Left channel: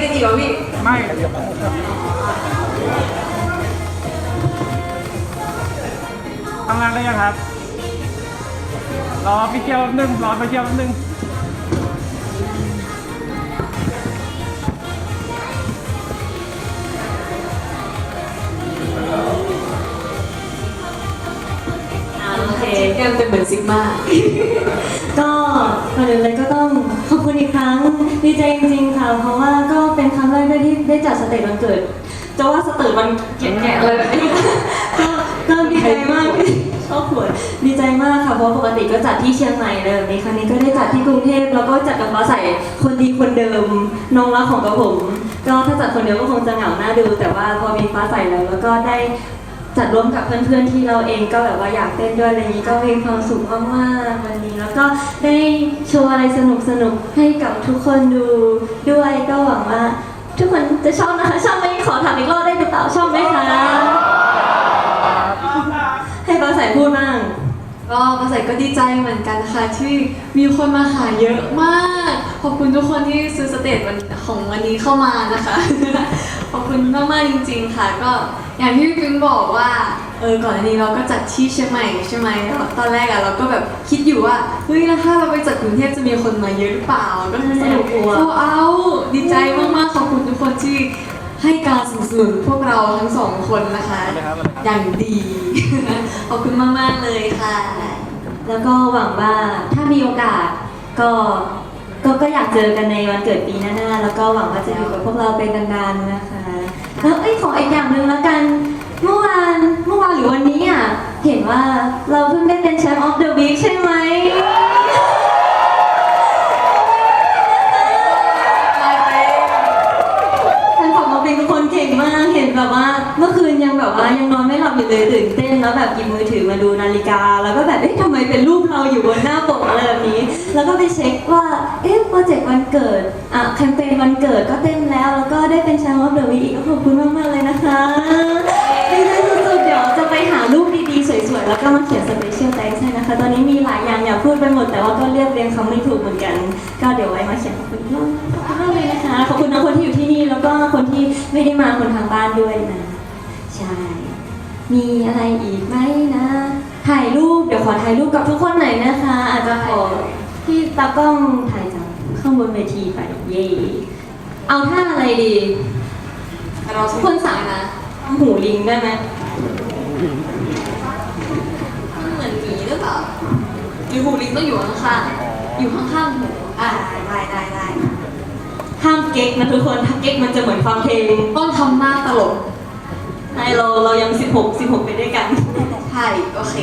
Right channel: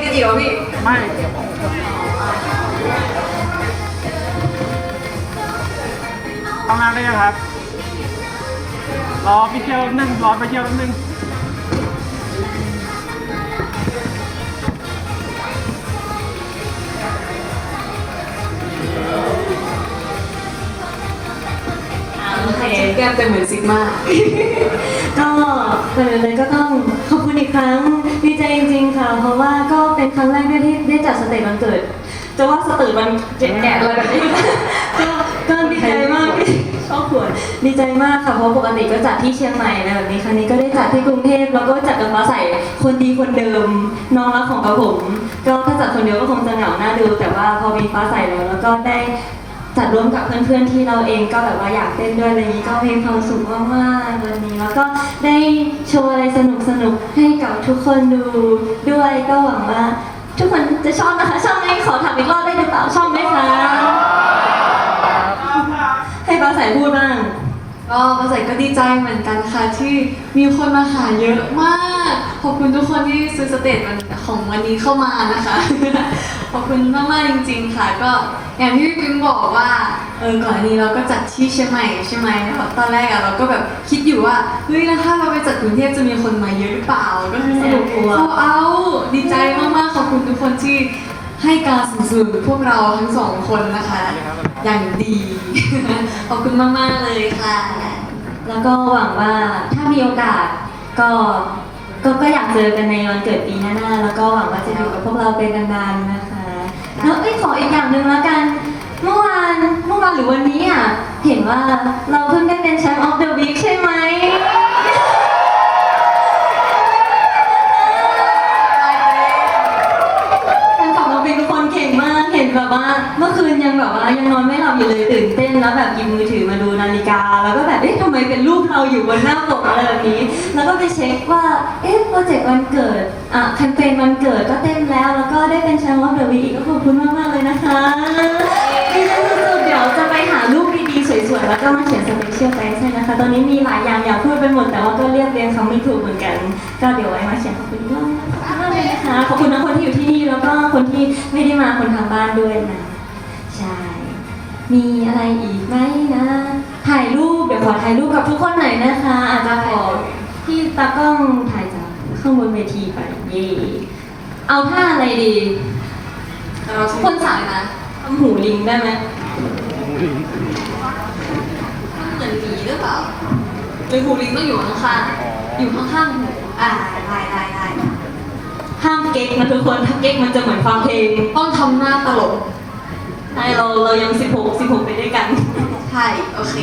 เหรอพี่ ไม่เดี๋ยวทำงานได้ยังครับ รอไปเที่ยวแป๊บนึงรอไปเที่ยวแป๊บนึงโอเคแก้มเป็นเหมือนซิกมา ก็ก่อนอื่นเลยก็ต้องขอบคุณอีกครั้งดีใจจริงๆค่ะเพราะว่าก็ เป็นครั้งแรกด้วยที่ได้จัดสเตจวันเกิด จะว่าสเตจวันแก่เลยก็ก็ดีใจมากที่ชอบขวดดีใจมากค่ะเพราะปกติก็จัดที่เชียงใหม่อะไรแบบนี้ครั้งนี้ก็ได้จัดที่กรุงเทพแล้วก็จัดกับฟ้าใสคนดีคนเดิมน้องรักของกระผม ก็ถ้าจัดคนเดียวก็คงจะเหงาหน้าดู แต่ว่าพอมีฟ้าใสแล้วแล้วก็ได้จัดร่วมกับเพื่อนๆที่เราเองก็แบบว่าอยากเต้นด้วยอะไรอย่างนี้ก็มีความสุขมากๆวันนี้ แล้วก็ได้โชว์อะไรสนุกๆให้กับทุกคนดูด้วยก็หวังว่าทุกคน จะชอบนะคะ ชอบไหมขอถามอีกรอบได้หรือเปล่าชอบไหมคะให้ป้าแสนพูดบ้าง ก็ภาษาก็ดีใจเหมือนกันค่ะที่มีคนมาหาเยอะมาก ขอบคุณทุกคนที่ซื้อสเตจวันของวันนี้เข้ามานะคะ ขอบคุณมากๆจริง ๆ ค่ะ ก็อย่างที่พี่ปิ๊งบอกว่าเออก่อนอันนี้เราก็จัดที่เชียงใหม่ใช่ไหมตอนแรกอะเราก็แบบคิดอยู่ว่าเฮ้ยแล้วถ้าเราไปจัดกรุงเทพจะมีคนมาเยอะหรือเปล่าก็คือสนุกกลัวเอาเอาดีใจมากๆขอบ คนที่ให้การสนับสนุนพวกเราทั้งสองคนนะคะ อย่างดี ขอบคุณมากๆเลยค่ะ แล้วก็หวังว่าถ้ามีโอกาสก็ก็ก็อยากเจอกันในวันเกิดปีหน้าๆแล้วก็หวังว่าจะอยู่กับพวกเราไปนานๆนะคะ แล้วเอ้ยขออีกอย่างหนึ่งแล้วกัน เมื่อวานเมื่อวานหรือวันนี้อะเห็นว่าเราเพิ่งได้เป็นแชมป์ออฟเดอะวีคใช่ไหมแฟนคลับเราเป็นคนเก่งมากเห็นแบบว่า เมื่อคืนยังแบบว่ายังน อนไม่หลับอยู่เลยตื่นเต้นแล้วแบบหยิบมือถือมาดูนาฬิกา แล้วก็แบบเอ๊ะทำไมเป็นรูปเราอยู่บนหน้าปกอะไรแบบนี้ แล้วก็ไปเช็คว่าเอ๊ะโปรเจกต์วันเกิดอะแคมเปญวันเกิดก็เต็มแล้ว แล้วก็ได้เป็นแชมป์ออฟเดอะวีอีกก็ขอบคุณมากๆเลยนะคะดีใจสุดๆเดี๋ยวจะไปหารูปดีๆสวยๆแล้วก็มาเขียนสเปเชียลไทส์ให้นะคะ ตอนนี้มีหลายอย่างอยากพูดไปหมดแต่ว่าก็เรียบเรียงคำไม่ถูกเหมือนกัน ก็เดี๋ยวไว้มาเขียนขอบคุณมากขอบคุณมากเลยนะคะขอบคุณทั้งคนที่อยู่ที่นี่แล้วก็คนที่ไม่ได้มาคนทางบ้านด้วยนะ มีอะไรอีกไหมนะ ถ่ายรูปเดี๋ยวขอถ่ายรูปกับทุกคนหน่อยนะคะ อาจจะขอที่ตากล้องถ่ายจากข้างบนเวทีไปเย่เอาท่าอะไรดี เราทุกคนสั่งนะทำหูลิงได้ไหมเหมือนหมีหรือเปล่าหรือหูลิงต้องอยู่ข้างๆอยู่ข้างๆหูอ่าได้ได้ได้ห้ามเก๊กนะทุกคนถ้าเก๊กมันจะเหมือนฟังเพลงต้องทำหน้าตลก ใช่เราเรายัง 16 16 ไปด้วยกัน ใช่ โอเค